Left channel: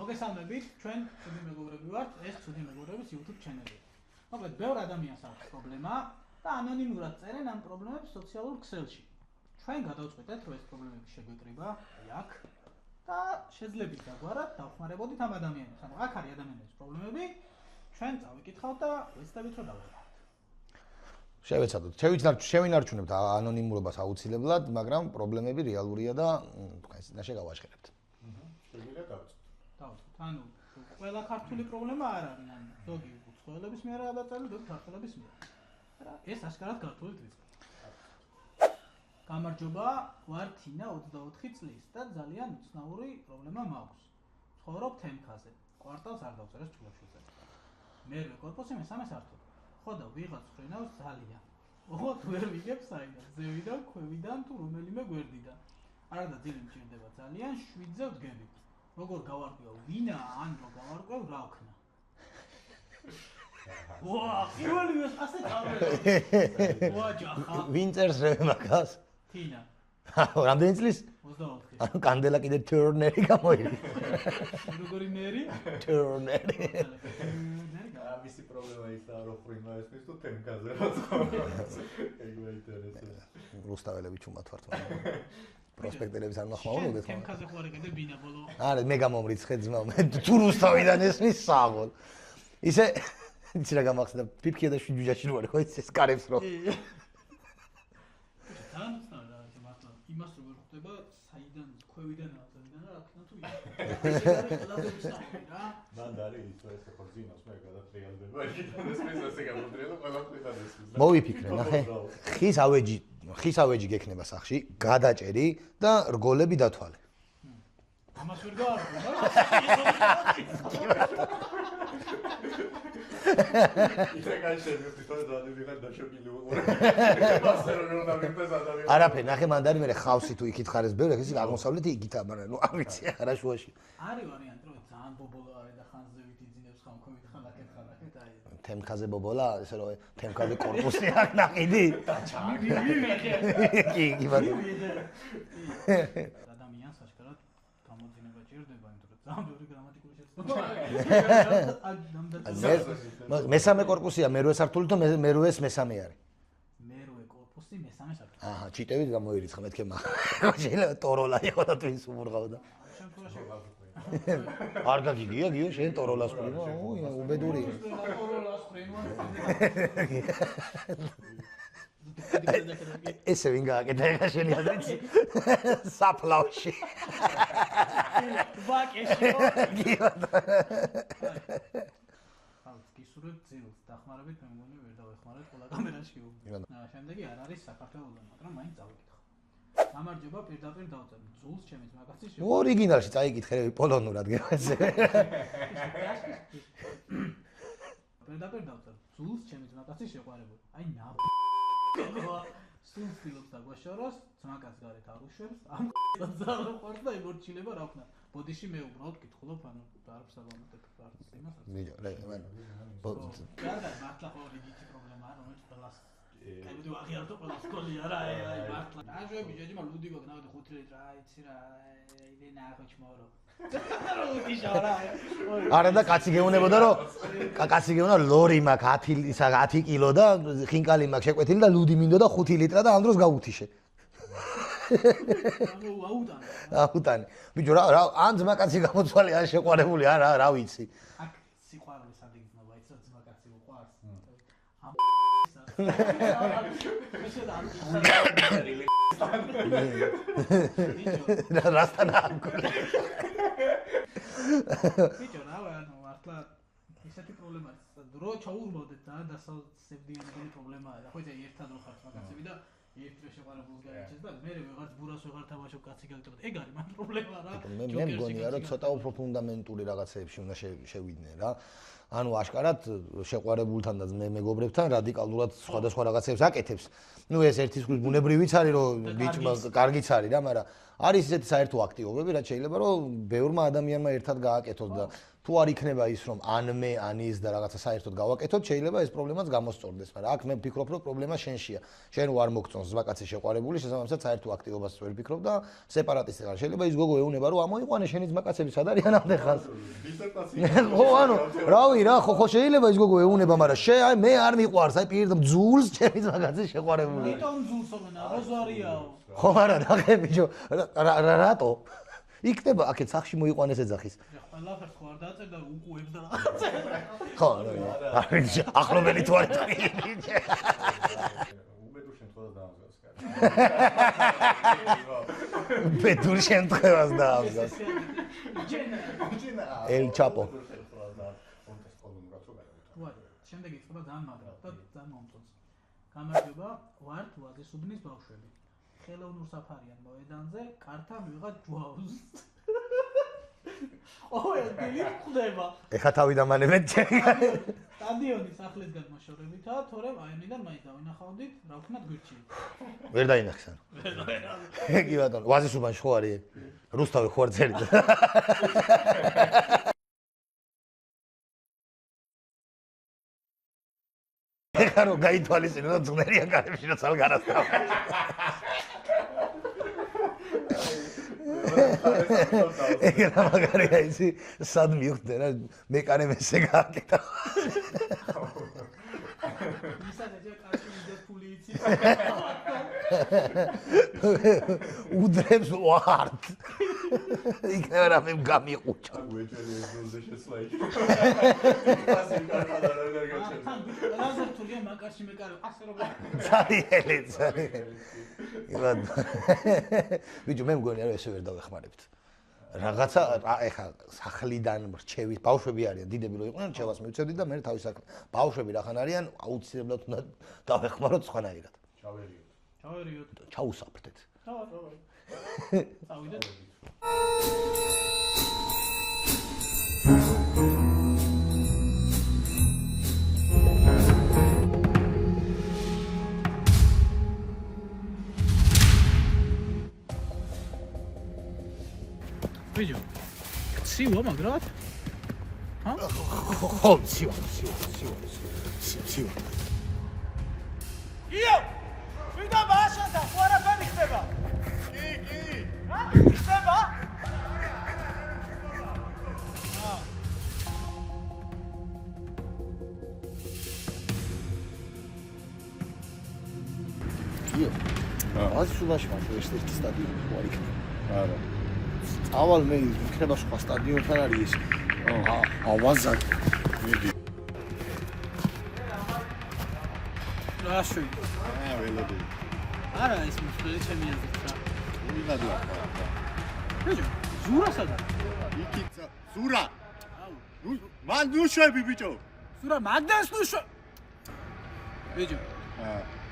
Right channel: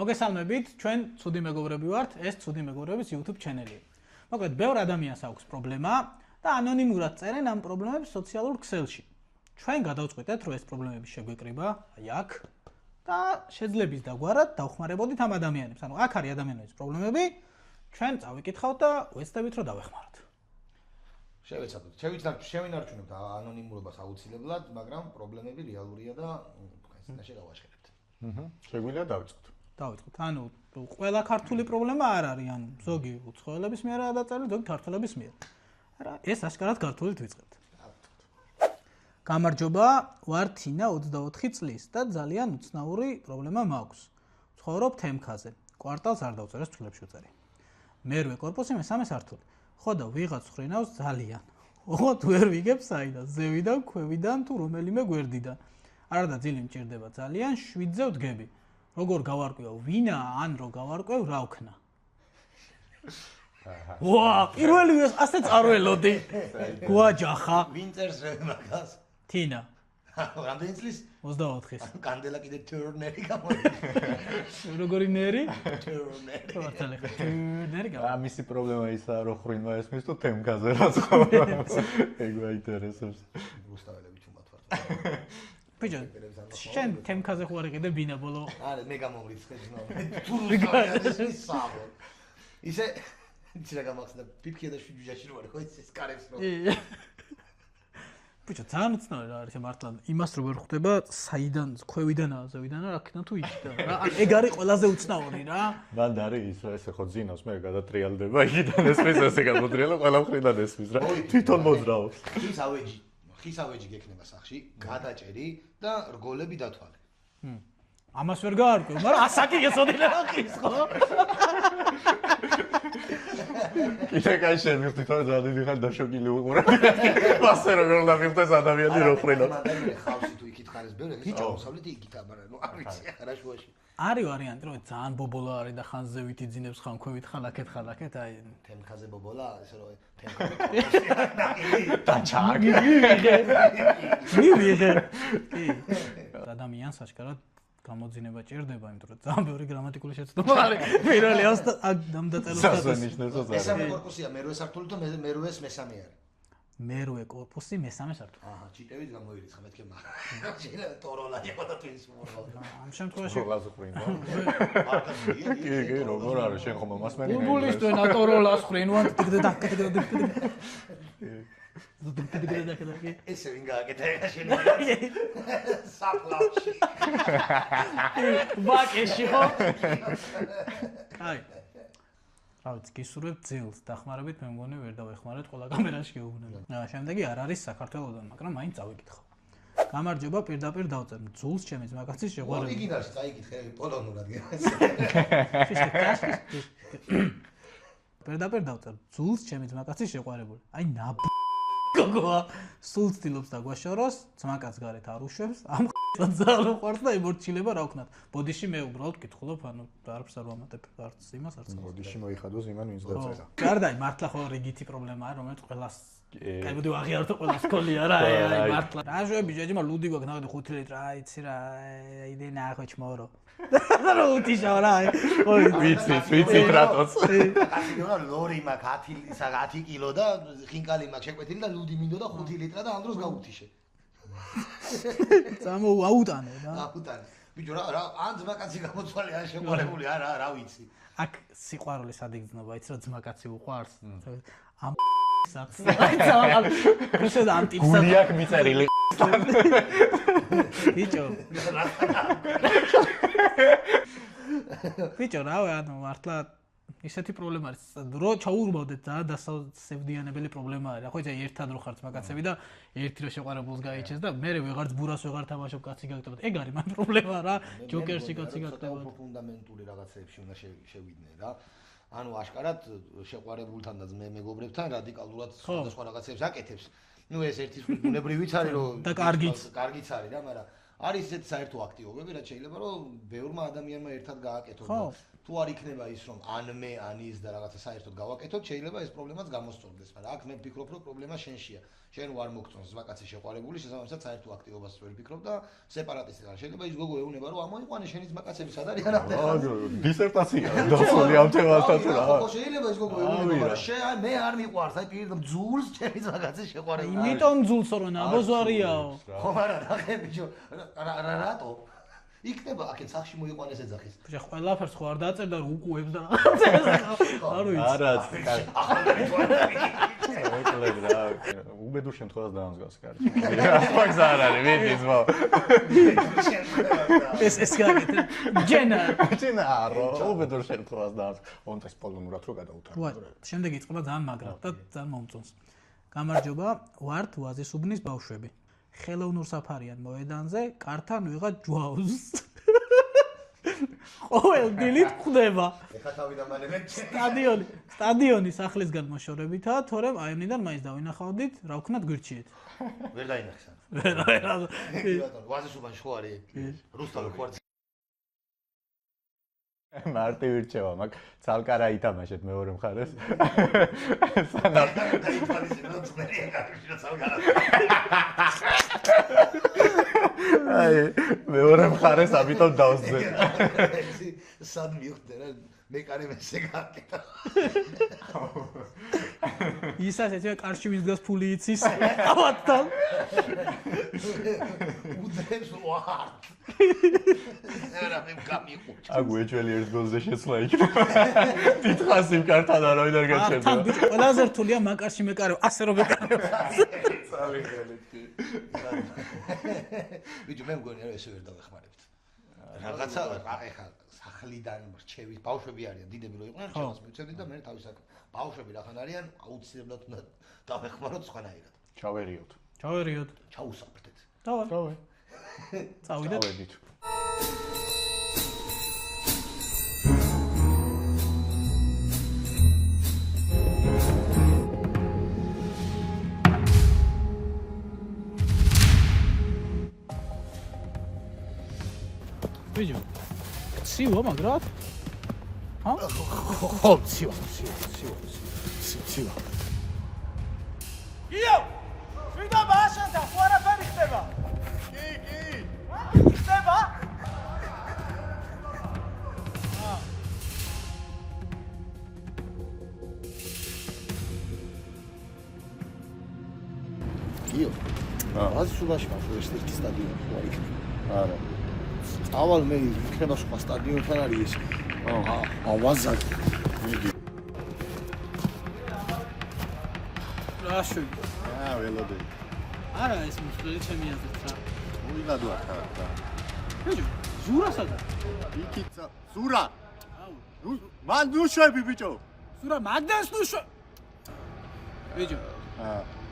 მოგესალმებით, ჩვენ ცუდი მეგობრები ვართ, ეს ცუდი მეგობრების YouTube ჩანელია. მოკლედ, ბევრ ადამიანს აქვს პრობლემა და ანონიმურად წერენ ამ პრობლემებს სოციალურ ქსელში. ჩვენ გადავწყვეტეთ, რომ ეს პრობლემები შეგვეკრიბა აქ და შეძლებს დაგვარად დავხმარებოდით ამ ადამიანებს. ანუ აქ არის ადამიანების პრობლემები, ჩვენ წავიკითხავთ და ვეცდებით, რომ დავეხმაროთ. შევინარჩუნებთ ანონიმურობას აუცილებლად, მაგრამ პრობლემები რეალურია და თქვენ წინაშე გავაშხერებთ. შეგვიძლია დავიწყოთ. ანუ ყველა ქართული პრობლემა არ არის, ან ზოგი უცხოელების მიერ დაწესებული, ზოგი ქართველების მიერ. არა, ეს აშკარად ქართულით ვიწყებთ. გამარჯობა, ვარ თინა 24 წლის და ძალიან უცნაური პრობლემა მაქვს. ვცხოვრობ თემქაზე. კვარტალს არ დავწერეს ცულებში ვწერი. მერვე კორპუსი მესამე სართული. ხო და ვიღაც ხრინავს ძალიან. ოღონდ ვერ ვიგებ საიდან, ზევიდან, ქვევიდან თუ რომელიმე გვერდიდან. არა და ძილი მჭირდება ძალიან, 7-ზე ვდგები. როგორ გავარკვევ ვინა ან რო გავარკვევ რა ვქნა. ვა, პირველივე ასე წარველოდი. გვაჯახა. ვინ წერს რემაკას? თინა. რამდენი წლის? 24-ის. ანუ კანდელა კიდე ტურნერი გამოიცა. როგორი ნერი? ტურნერი. ტურნერი გავა. მისი პრობლემა ისაა, რომ ხრინვა ესმის თუ თემქაზე რაც ხო. ეგ მაინტერესებს. რუსთაველები ჩუმად ვართ. პროსპექტელების არ ნახავ. შენ თემქაზე ხო არ იყიდე ბინა ბოლო. არა, მე გამომრიცხე ძმა, მე თუ რუსთავიდან ესმის სამონ. ისე იცი რა გამახსენდა, ფიფქია და შვიჯუჯაში რო არის, ხო ის კარებს რო. ბიჭო, ძალიან უცნაური არის მართლა. იმას რო ვერ ხვდება, საიდან, ქვევიდან, ზევიდან რა ქნა თუ იქიდან. ეგ არის ყველაზე უცნაური რა. მანდ არის ის რა ესე ხო ძინავს, მე გადატრიალდება, იქიდან ესმის ესე გადატრიალო, ყველა მხრიდან ესმის რა. თვითონ მოძრაო. ხის ავეჯი გექნება სახში, გადაჭერი და რგოლები დათვალე. ამას ვერ გაარკვევ, მაგრამ ასაკი ესოდენა ხის ხო? ისე კაი შემივხვდით, რომ ძალიან ხარ დაშოკილი უყურებ. ასე რომ ვერ დამიხდეს ადამიანი რო ხრენა. არა, მანდ არის ხავსი თუ იქით ხარ ეს ბევრი, ეს აღმოსავლეთი იგითა, მაგრამ ნუ არ ვიცი, არა შუაში. არის ვარიანტი, რომ ძალიან ბობოლა არის და ხან ზევით იძინებს, ხან ქვევით ხალაკეთ, აი თემქაზე ბობოლა, ესე რომ თემქაზე კორპუსი არ ნაყიდი და ჩაგი. ადამიანს აშკარად გამოძინება ჭირდება, იმიტომ რომ ძალიან ბევრი გრამატიკული შეცდომა არის. პირველი ამ დაწესებულებაში. მესამე კორპუსია, მერვე სართული და მერვეს მესამე არის. მერვე კორპუსი, მესამე სართული. აჰა, ჩიტებით გამოირიცხა მეთქე მაგ. შეიძლება ტოროლა იყო და თუ ის უმურღავდა. ამ შემთხვევაში ტოროლას ხრინვა. არ გაგიგია, შენ ტოროლას არ არის, შენ ხომ მას მე. ფუტბოლისტოა ტოროლას ხრინვა, და ესე ვინ გააკეთა ეხა შენი ადამიანი საფლავში ვაკეში ხო აი ავიც გისურვებ ძილს დახმარებით მე მგონი ვერ დავეხმარეთ ყველა კამერაში გეუბნები შემდეგი არ არის საქართველოსდან მაგრამ მაინც წავიკითხავ გამარჯობა პირდაპირ დავწერ ძულს ჩემი ძმაკაცის შეყვარებული ორიგინალში წაიკითხე პოლონურად გეუბნები პირდაპირ დავწერ ძულს ჩემი ძმაკაცის შეყვარებული აი გოგოა სულ ცდილობს დაგვაშოროს, ძმაკაც გარეთ არ უშვებს, ამ ძალიან უყვარს და ემორჩილება რა ვქნათ. ბოდიში მე უბრალოდ კითხულობ, ანუ არც არ ვამატებ არც იმას არც ბოდიში მოიხადოს იმან ვინც დაწერა. გარდაი მართლა ხო რიგითი პრობლემაა, რომელიც ყველას კაიბოდი აღიაროთ ყველა სკოლია რა, აი მართლა. რა ჟები ჯეჯმა ლუდი გვაქვს ნახეთ 5 ლიტრ, აი იცი რა, იდე ნახო ჩმორო. რა უთი შავრა. არა და კაცი გეუბნა ლორი მაქვს 10 კილო და ხინკალი მაქვს შეკვეთილი და ლუდი მინდო და 5 ლიტრა და ამ დროს გავუთიშე. აუტანე. აუტანე. ბიჭო რა ან ძმაკაცი გამოწვალე ან შეყვარებული რა ვიცი. აქ სიყვარული სადიგზნობა იცი რა ძმაკაცი უყვარს. ამ საერთოდ რუსეთ ანტიფსა გულია მიწერილი ბიჭო ბიჭო რა ანუ მართლა ისეთი პრობლემა არის რო ჩაურბავდეთ და დასავსებდიანებელი პრობლემა არის ხო იცი ერთად რო ხართ მაგაცები და ერთი რო შეყვარებულს გაიჩეს და მე ვეღარც ბურას ვეღარ თამაშობ კაცი გაგტებოდ ეგ არის მაგ პრობლემა რა ჯოკერში კაცი გაგტებოდ ცოტა უფრო ფუნდამენტური რაღაცეებში უნდა შევიდნენ რა ანუ აშკარად შეყვარებულთან და მეგობრებთან რადიკალურად სხვადასხვა რაღაცებს აკეთებს. ნუ ეს ერთის ბუნებრივიც არის რომ კარგიც არის რა, მაგრამ არის ესეთი საერთო აქტივობები, რაც შეიძლება რომ ბევრმა ადამიანმა ერთად გააკეთოს და თუ თუ არ იქნება ის რომ ან მე ან ის და რაღაცა საერთოდ გავაკეთოთ, შეიძლება ეს პრობლემაც გამოსწორდეს, მაგრამ აქ მე ვფიქრობ რომ პრობლემა შენშია. შენ არ მოგწონს ვაკაცი შეყვარებული, შესაბამისად საერთო აქტივობას ვერ ვფიქრობ და სეპარატისტი ხარ. შეიძლება ის გოგო ეუნება რომ ამოიყვანე შენი ძმაკაცები სად არიან ამ ხალხს. დისერტაცია დავსვალი ამ თემასთან. რავი რა, ხო შეიძლება ის გოგო ეუნება, მაგრამ აი მე არ მიყვარს, აი პირდაპირ ძულს ჩემი ძმაკაცი შეყვარებული. იმიტომ ძულს რო ნაბოზვარიაო. ხო არა, ნახე ბიჭო, რატო? იქნება აქეთ სახში მოიყვანეს ეძახის. ბიჭო, ყველაფერს ხო არ დაწერდა რომ უკუებს და რაღაცა. ხო, არა, ახლობელი თუ არ წაიღე. უბედურ შემთხვევას დაამსგავს კარგი. ახლა არ არის, ვიდი ძმა. უბედურ შემთხვევას და. ეს გაკეთე. ჯენა. უბედურ შემთხვევას დაამსგავს. ონტეს პოლონურად რო გადაუთარ. ვარ, შემდეგ იწყება ძალიან მაგრად და ძალიან მომწონს. გამარჯობა, ვართ ვაზისუბნის ბავშვები. ხელოვნურ საფარიან მოედანზე კართან ვიღაც ჯვაუს. ყოველ დილით ხდება. ეხა თავი დამანებეთ. სტადიონი სახლისგან მოშორებითაა, თორემ აივნიდან მაინც დავინახავდით, რა ვქნათ გვირჩიეთ. ვერ დაინახსან. კი ბატონო, ვაზისუბანში ხო არის? რუსთავი ხო არ წერით? მარტივი რჩევა მაგ ცალკარა ითამაშეთ მეორე მხარეს. ეხა რომ გაითვალისწინო ძმერია კარებში რა ცალკარას. აი მეორე მხარეს ამიტომ დავსდე. მაგარი ისი სად მივხვდე რა მეკარე მესე გააკეთა. ისაც ეცე კარში ვისგას ფული იცის ავათთან. უდრებს ვართ. იქნება რა მე გამიყუჩა. აგუ ეჭველი ერთ გოლზე შეცვლა იქ. თითქოს იმ კარტად არავინ არ გაჩერდა. თან ყველაზე რთულია მაკარში მეკარევ, ასე რომ მეკარევ. ბიჭო მე მგონი არა ესე ვერ დავეხმარებთ. რაღაცა ეხა სახლიდან რჩევის ბავშვები არიან, დიდები რო იყვნენ, რჩევას მივცემდით და მე თავის საქმე. ბავშვები რახან არიან, აუცილებლად უნდა დავეხმაროთ სხვანაირად. ჩავერიოთ. ჩაუსაფრთეთ. დავარ. წავიდეთ. წავედით. ბიჭო, ცივა მაგრად? ჰა? ხო, ცივა. იო! ვიდა ბაშანთა, ხო არაფერი ხდება? კი. ჰა? ხდება? იო. ვაზისუბანში მაშინ ერთ-ერთი სტადიონი ხო არის? არა. ავალ მე იქნება სხვა სტადიონთან არის ეს. ავაზაკი. მიდი. რაში? ველოდები. არა, ეს მსხვილი ჩემი აზრით რა. უიღად ვარ ხა. ბიჭო, ზურა სადა? იქით ზურა. აუ, მან ნუშვები ბიჭო. ზურა მაგდას ნუშვა. ბიჭო,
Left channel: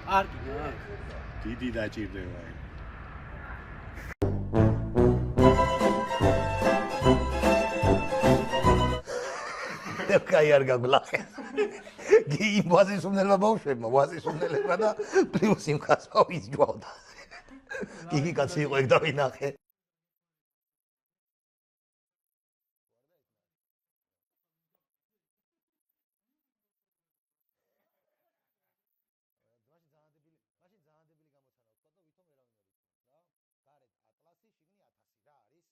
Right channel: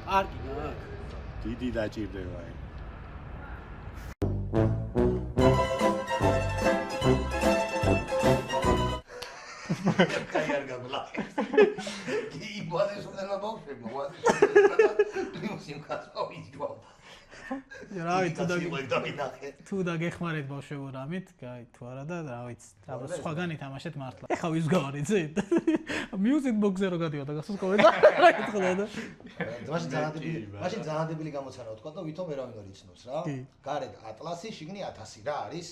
არ გინდა აქ. დიდი დაჭირდება ეგ. კაი არ გაგლახე. გი ვაზისუბნელმა ბავშვებმა, ვაზისუბნელებმა და პლუს იმ კაცოვის ჯვავდა. იგი კაცი იყო ეგ დავინახე. თუ დაგეხმარეთ ბავშვებო რამით, კაი, თუ არა და რა ვიცი, აბა სხვაგან ითამაშეთ მართლა. ეხა ვის გავარიცე? Music box-ზე რო გადიოდა გასასკოვე და რა გითხოდა და მაშინ ძალადებული გამოცანა ვთქვა და ვითომ ვერავინ არ იცნობს რა. გარეთ ატლასი, შიგნი 1000 რა არის?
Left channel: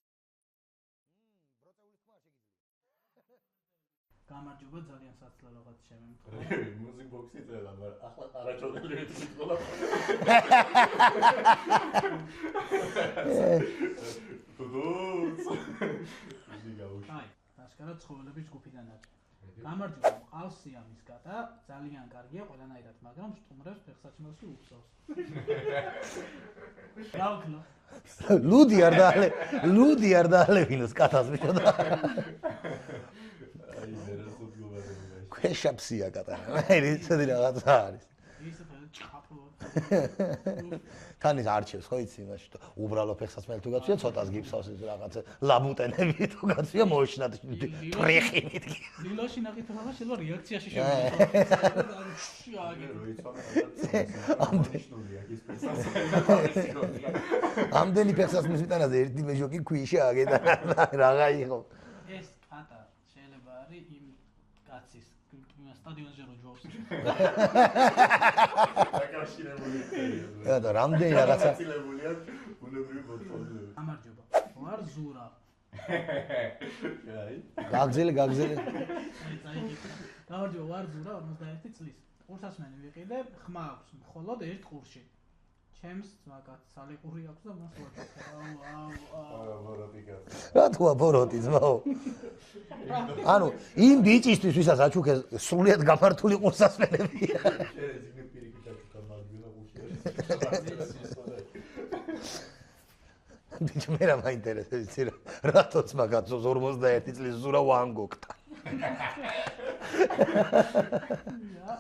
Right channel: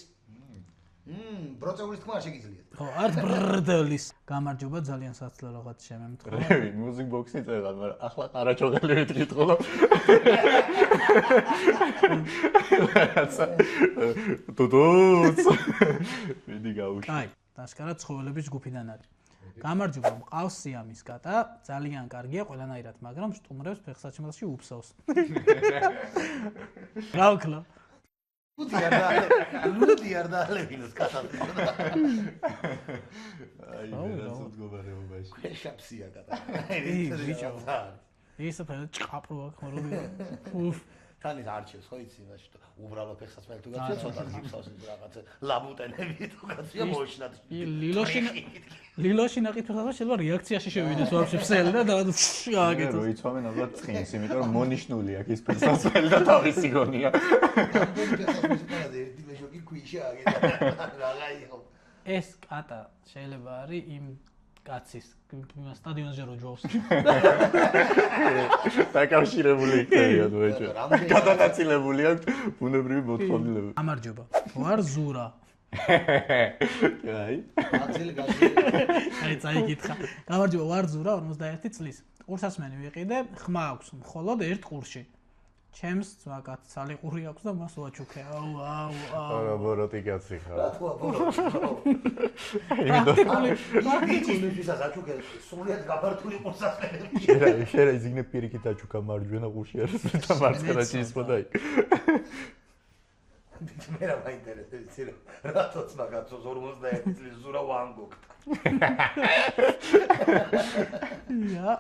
ბროწეულის თქმა შეგიძლიათ. ხო, არც ბრდლის. გამარჯობა, ძალიან საცლო რაღაც შემემთხვა. რევი, music box-ი წერდა, მაგრამ ახლა ყარაჩოღელი ვიტყიდო. დუდუც. მიდი გავუშვი. აი, დასკარად ცხოველების ჯგუფიდან არის. გამარჯობა, მყავს სიამის კატა, ძალიან კარგია ყველანაირად, მაგრამ სტუმრებს ფეხსაჩემელში უფსავს. რა ვქნა? ლუდი არ დაალევინოს კატას მიყოდა. აი, ზერასოდ გობარებობაში. ქვეშაფსია კატა. აი, რიცხვი რაღაცა არის. ისე ფერად ჭყაპრო აქვს ხოლმე. ქანის არჩევს ხო იცი იმაში თუ უბრალო ფეხსაცმელი თუ გაცია ცოტას გიფსავს რაღაცა ლაბუტენები თუ გაცია მოიშნათ ლილოში ნაყიდ ფეხსაცმელი შეიძლება რეაქციაში შევიდეს ვაფშე ფსელი და გააკეთოს. რო იცვამენ ალბათ წინს, იმიტომ რომ მონიშნული აქვს ის ფეხსაცმელი და თავისი გონია. ამდენი ფეხსაცმლის უკანაზე ერთი მეჟოკი ქვიშა აგედა რაღა იყო. ეს კატა შეიძლება არის იმ კაცის სტადიონზე რო ჯობს. დაკავშირებული იქნება თუ და რამდენი გადაწილებული აქვს ბუნებრივი მოთხოვნილება. გამარჯობა. ვარ ზურა. აი. გაგზილი. აი წაიკითხა. გამარჯობა, ვარ ზურა 51 წლის. ყურსასმენი ვიყიდე, ხმა აქვს მხოლოდ ერთ ყურში. ჩემს ძვაკაც სალიყური აქვს და მას ვაჩუქე. არა, ბოროტი კაცი ხარ. რა თქმა ბოროტი ძმაო. ანუ იმ ბიჭისთვის ვისაც აჩუქეს სრულიად გაფართული ყურსასმენები. შეიძლება იზიგნე პირიქით აჩუქა მარჯვენა ყურში არის და მარცხენა შეისხო და იქ. ბიჭი მე რა მაინტერესებს იცი რა. რატოც მაგაც 51 წლის ზურა ვანგოგტა.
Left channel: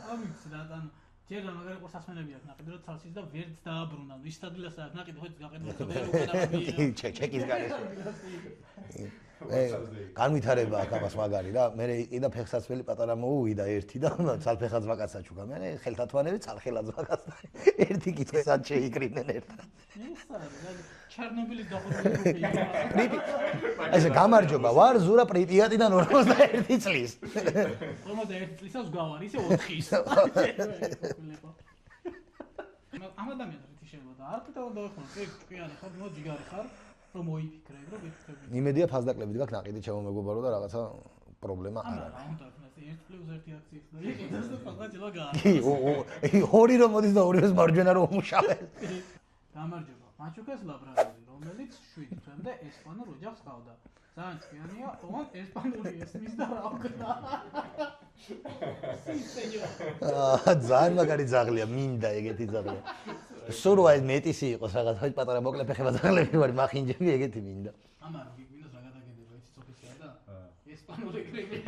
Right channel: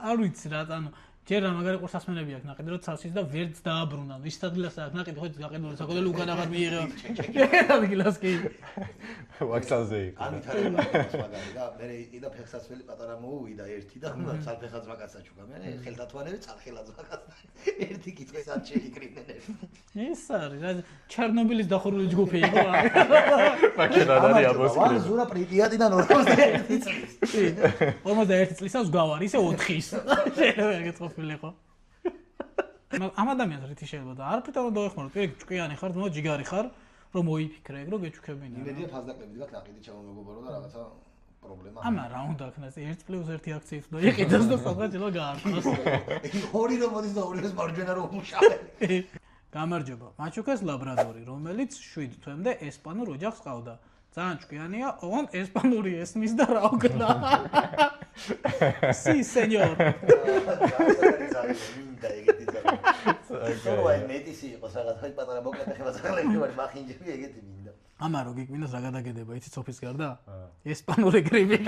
არ ვიცი რა, ანუ ჯერ რა მაგარი ყურსასმენები აქვს ნაყიდი რომ ცალსის და ვერც დააბრუნა. ის ადგილას აქვს ნაყიდი ხო გაყიდული საკუთარი უკანაღად მიიღო. ჩეკი. ადგილას კი. ვაქსალზე იქ. განვითარება აქვს მაგარი რა. მე კიდე ფეხსაცმელი პატარა მოუვიდა ერთი და ცალფეხა ძმაკაც აჩუქა. მე ხელთათვანები ცალხელა ძმაკაც. ერთი კითხესად შეიკრიბნენ ერთად. ეს არის რა ჩერნობილის დახურული ჯგუფი იყო. გამარჯობა, ვარ ზურა პრიპიატიდან 51 წლის. 51 წლისას გავარ, ისე 4-ის. შეიძლება ეკეთილიყო. ამ ადამიანს რითი შეიძლება და არ ფიტარო დაეხმარო, პირიქით ჭკვიანი ხარ, ნუ ჯიგარი ხარ, რომ მოიფიქრე, რომ გეჩუქებინო. იმედია ფასდაკლებით გაქვს ნაყიდი ჩემო მეგობარო და რაღაცა პრობლემა. ამა რა უნდა ქნას 1+1 აქციით და იყიდოს და სადღაც ელა გაარკვევს. ორი რომ მოდის და ორივეს მარჯვენა რომ მუშავე. გამარჯობა. მაჩუკას ლაბრადორი, რომელიც 7 თვემდე ესპანურ ოჯახს ყავდა. ძალიან ჭკვიანია, ოღონდ ესპანური ესმის და რა უკნა. Sí, señor. ძალიან მაგარი ძაღლია, მინდა ეგეთი ძაღლი. სურვაი მეტისი იყოს რაღაც პატარა მოკლე ფეხება ძაღლები ვარ, მახინჯები ეგეთი მინდა. ამა რო გიკვინოს რა გადაგედება, იცი სოფის გარდა? ესპანური გრიპი.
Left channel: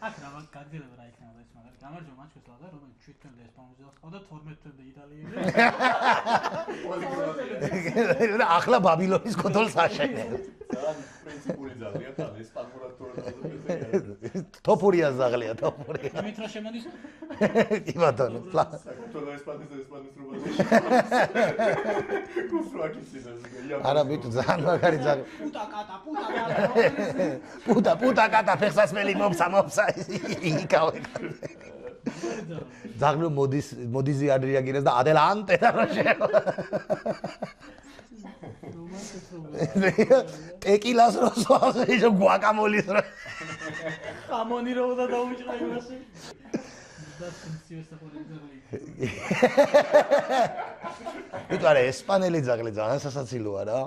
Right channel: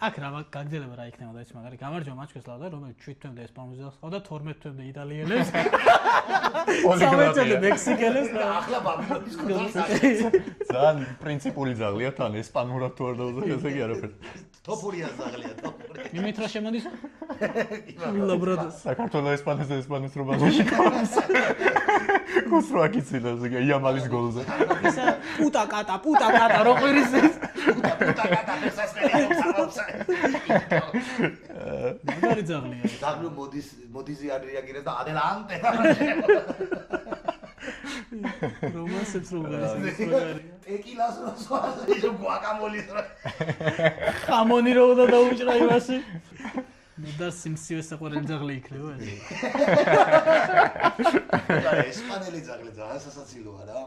აქ რა გაგძელება რა იქნება და ის მაგარი გამარჯობა მაჩკეს ლადა, რომელიც 7 თვემდე ესპანურ ოჯახს ყავდა, 12 თვემდე იტალიელებს. 13 თვემდე მექსიკელებს და ახლა ბაბილონის კონტროლს ახდენს. ძალიან პრინციპული ძაღლია თან ესპანურად თუ არ დავუძახე ესე კი არაფერი. თოფურია ზაღლია, თოფურია. იმით რა შემოდის? იმათა. საქართველოს ესპანეთს ესპანეთს რო ბაზაში ყავს. კუსრო აქიციდა ესე კი იამალის გოლს. პუტა კატა რო ყვირის ეს. პუტა კატა ფეხსაცმელი რომ სამავსა. იქავა. მაგარი ძაღლია. ძაღლი მოდიზი არ რეაგირებს და ადელანტე. რომანსებს რო ტეკილას რო სვავს, ის გუაკამოლის რო. ხამონი რო უნდა დაუჭრა იმასე. და სიმსივე საყვარელი ძაღლი იქნება ეს. არა, ესპანელი ძაღლი ძალიან სასაცილოა რა.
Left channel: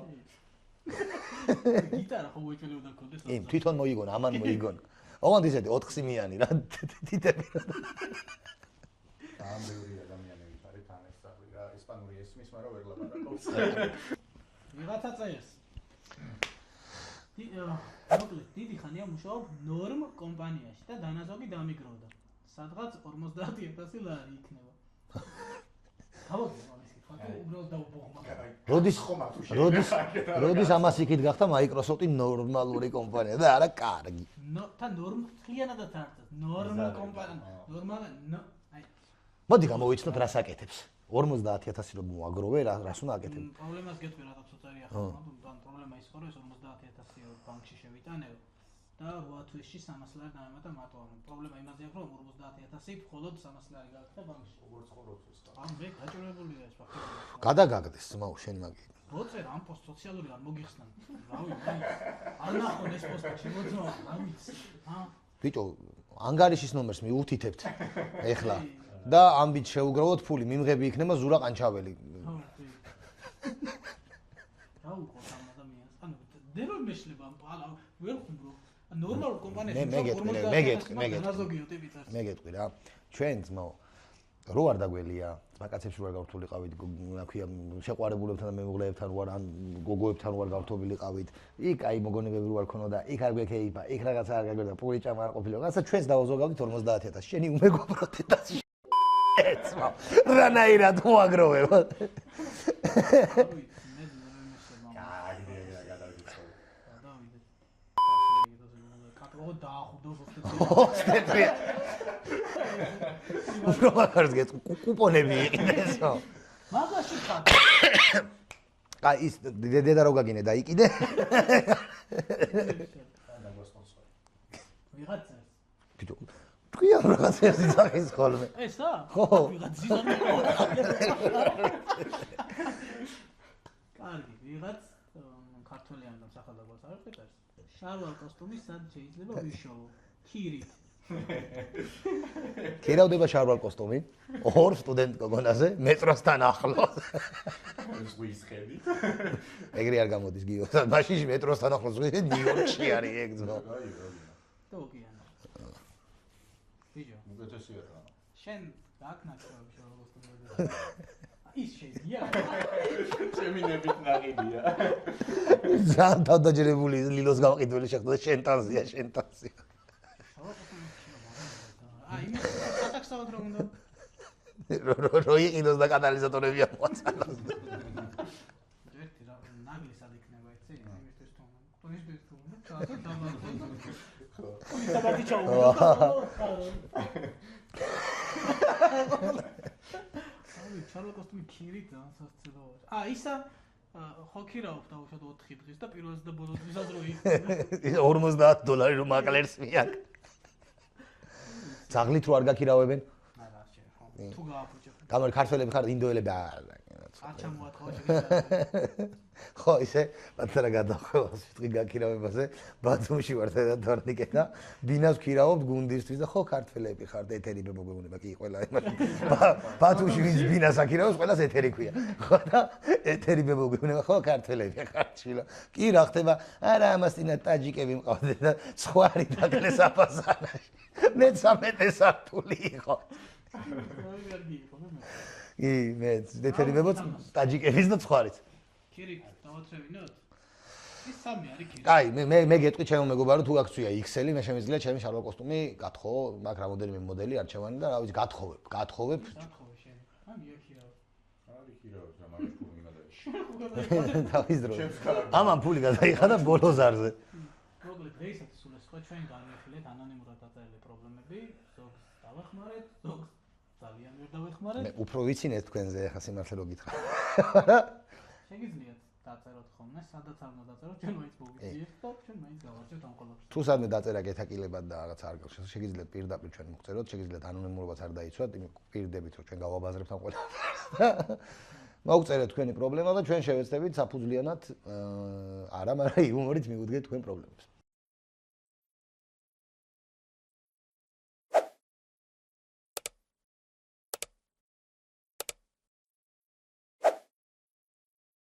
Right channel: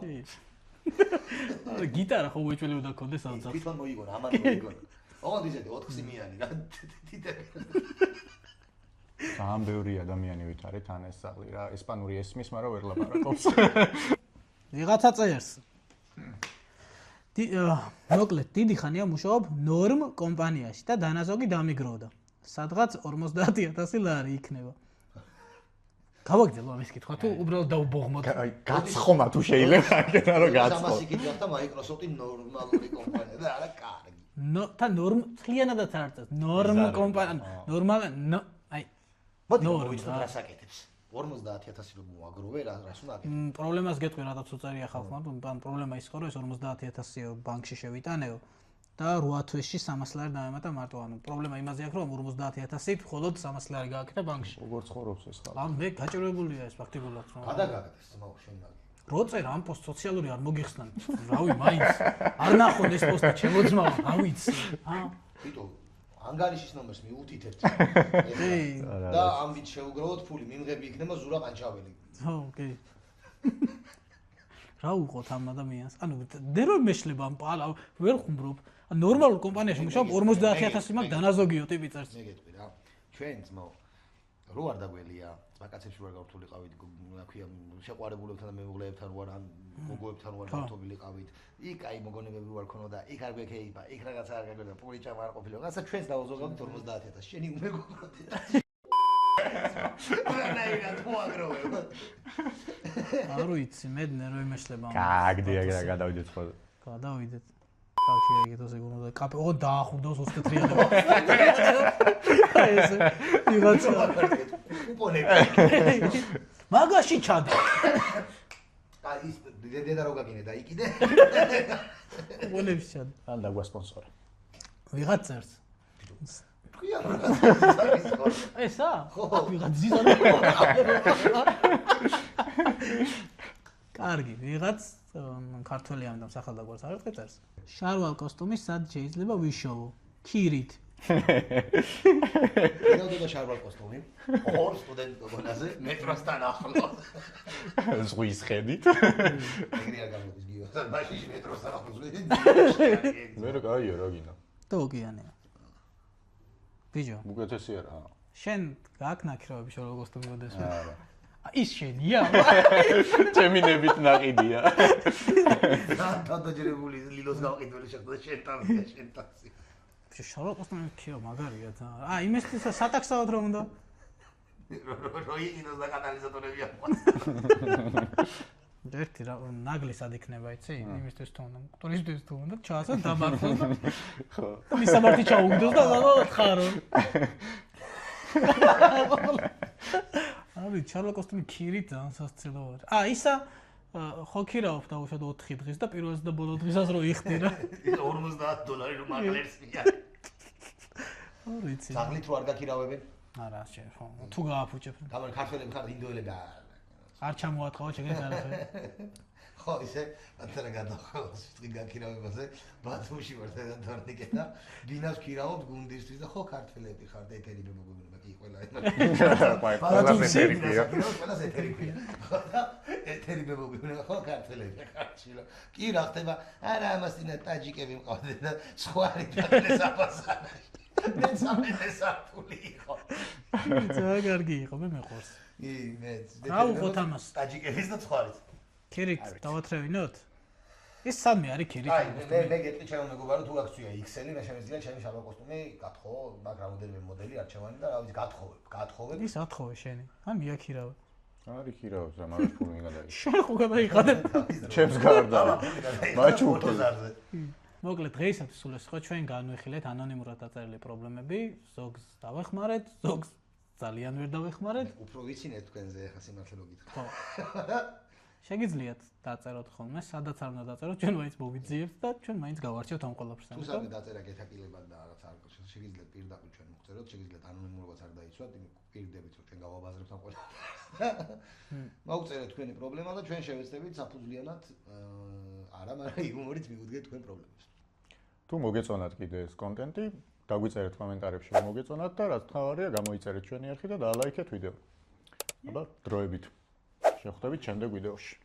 გიტარა ხო უეჭველებოდა კონდეს ალცა. თვითონ მოიგონა, ამან მოიგონა. ოღონდ ისეთი 4 სიმიანი რა თითები. ძალიან ბევრი ადამიანი ვითარეთ ან ეს ძაღლი რა, ესპანური ესმის, მაგრამ ვერ ლაპარაკობს. ვიღაცა წერს. მოკლედ, დიდი ხანია მუშაობ ნორმ კომპანიაში და დანაზოგი დამიგროვდა. სადღაც 50000 ლარი იქნება. გავაგზავნე ამის კითხვა თუ უბრალოდ დაუბოღმოთ. გადის ხომა თუ შეიძლება აკეთა რომ გაცო. ამას იქით გახდა Microsoft-ი ნორმალური კომპანია და არა კარგი. თა ნორმ თლიანადაც არ წეს. ნორმ კომპანია, ნორმალი, აი. მოდი მოვიცნოთ რას აკეთებს. 50000 რომ მოაგროვე, რას უნდა აკეთებ? პრობლემას გეტყვი რატაც უწერია ხალხმა, ან პრობლემა ის ხო რომ ეს 50000 ბანკში შევიტანეო და 8 თვეში 300 ლარი დამემატა მარტო, ანუ პრობლემა იმაზე აქვს რომ 50000-ით მხოლოდ 300 ლარი გააკეთა ბანკში. როგორ ცხოვრობს ეს ხალხი? ან მე გაჭირებულია ეს ფაქტიკულად. გადაგაგდეს მაუ შენ მაგი. როწერ ამ პოსტ სოციალური არ მოგიხსნან. რავი, მაინც არ ნახონ ეს პოსტი ჩემოძმაო, რა ვიცი. ბიჭო, ანგარიშის ნომერს მიუთითებთ. ეხლა და ამბით შეუგროვოთ ფული, მიმღები იქნება ზურა ყანჩაველი. ხო, კი. რა უყოთ ამ ადამიანს? ანუ დე რომ მეშლება ამ პალა ვერ ხუმრობ. ნორმალურ კომპანიაში მუშაობ 50000 მაგ დანაზოგიო ტიპი წერს. მე გეტყვი რა. ჩვენ ძმაო რო არ დაგველია, მაგაცებში ვარ გავთულიყავით, რა ქვია, შეყვარებულებთან და მემუღლეებთან ვარ, ან გოგოებთან ვარ გავთობილიყავით. იქ აი მოგონებები ვარ ქონოდა, იქ არ გვექეიფა, იქ რაღაცა არ გაგვერდა, პური ჭამა არ ყოფილა. რაცა ჩვენს დავაზოგავთ 50000. შენი უმეგობროთ და რანაირად მოაგროვებ. არ ვიცი, მე ნერვი მეშლება. გაგდია რა გადავიდეთ ხო? გადავიდეთ. კავშირი ეგეთოს ეგონა კაპე ო დაახურდოს 24-იან. ესე ვიღაცა კუპონები. მაგაში ჩადო. აი ის დედა რო გაგინე და იყიდე. გოლებს ჩად. ან დაგვასპონსორე. ვიღაც წერს. ბიჭო. თქვია რაღაცები არის ხოლმე. ესა? ხო. ვიღაც ზიზარი. კარგი, ვიღაც ქართველი ამიტომ სახელდაგვარს არ წერს. შარვალ კოსტუმი სად შეიძლება ვიშოვო? ქირით. ქირავდება შარვალ კოსტუმი ორ სტუდენტ გოგონაზე მეტროსთან ახლოს. ზღვის ხედით. ეგრე არ გამოდის გიო. მაშინ მეტროსთან ახლოს ზღვის ნიუ-იორკში არის ეგ. მე გაიო რა გინდა. თოგიანე. ბიჭო, უკეთესია რა. შენ გაქვს ნაკრებები შარვალ კოსტუმი მოდეს. ის შენია? ჩემინებით ნაყიდია. ძალიან თავდაჯერებული ლილოს გამყიდველი შეხვდა შენტანზია. შარვალ კოსტუმი ქიო მაგარია და იმისთვის სატაქსავად რომ უნდა რო იყიდოს და კატალიზატორები ამოაწყო. ერთი რა ნაგლისად იქნება იცი იმისთვის თუ უნდა ტურისტების თუ უნდა ჩაასა დამარხო ხო მისამართი ჩაუგდეს და ხარო აი შარვალ კოსტუმი ქირით ძალიან სასცილო არის ისა ხო ქირავ დაუშვათ 4 დღის და პირველს და ბოლო დღისას რო იხდიდა $50 რომ მაკლერს მიაკ. ძაღლით რო არ გაქირავებენ? არა შენ ხო თუ გააფუჭებ. გამარ ქართველები ხარ ინდოელები არ ჩამოათხოვა შეგეძლო. ხო ისე მათარა გადახოს ვთქვი გაქირავებაზე ბათუმში ვარ და თორნიკე და ბინას ვქირავობ გუნდისთვის და ხო ქართველები ხარ და ეთერი მოგეუბნება კი ყველა იმას. ბათუმში ბინას აქირავობ ყველას ეთერი ქვია. ხო და ეთერი მოგეუბნება ხო ქართველები ხარ ჩილო. კი რა ხდება? არა ამასინა ტაჯიკები მყავდნენ და სხვა რიტაგნეს აფასარაში. მე 13 საფული იყო. ძალიან კარგი იყო მე მეყვარს. კი მე ეთერი მეგობრებო ტაჯიკების და სხვაიც. ქირით დავათრევინოთ? ის სამი არის ქირით. აი მე გეტყვი ჩემო მეგობარო თუ აქცია XL-ი მე შემიძლია ჩემი შარვალ კოსტუმი გათხოვო, მაგ რამოდენიმე მოდელი არჩევანი და რა ვიცი გათხოვებ. ის ათხოვე შენი. ან მიაქირავე. არის ქირავებს რა მაგას ფული მიგადაიღე. შენ ხო გადაიხადე. ჩემს გარდა. ამან ფული გადაიხადა ბოლოზარზე. მოკლედ დღეისათვის სულ ეს ხო ჩვენ განვიხილეთ ანონიმურად დაწერილი პრობლემები, ზოგს დავეხმარეთ, ზოგს ძალიან ვერ დავეხმარეთ. მე უფრო ვიცინეთ თქვენზე ახლა სიმართლე რო გითხრა. შეგიძლიათ დაწეროთ ხოლმე, სადაც არ უნდა დაწეროთ, ჩვენ მაინც მოვიძიებთ და ჩვენ მაინც გავარჩევთ ამ ყველაფერს. თუ სადმე დაწერა გეთაკილებად და რაღაც არ გახსოვს, შეგიძლიათ პირდაპირ ჩვენ მოგწეროთ, შეგიძლიათ ანონიმურობაც არ დაიცვათ, იმ პირდებით რომ ჩვენ გავაბაზრებთ ამ ყველაფერს. მოგწერეთ თქვენი პრობლემა და ჩვენ შევეცდებით საფუძვლიანად არა, მაგრამ იუმორით მივუდგეთ თქვენ პრობლემებს. თუ მოგეწონათ კიდე ეს კონტენტი, დაგვიწერეთ კომენტარებში რომ მოგეწონათ და რაც თავარია, გამოიწერეთ ჩვენი არხი და დაალაიქეთ ვიდეო. აბა დროებით. შევხვდებით შემდეგ ვიდეოში.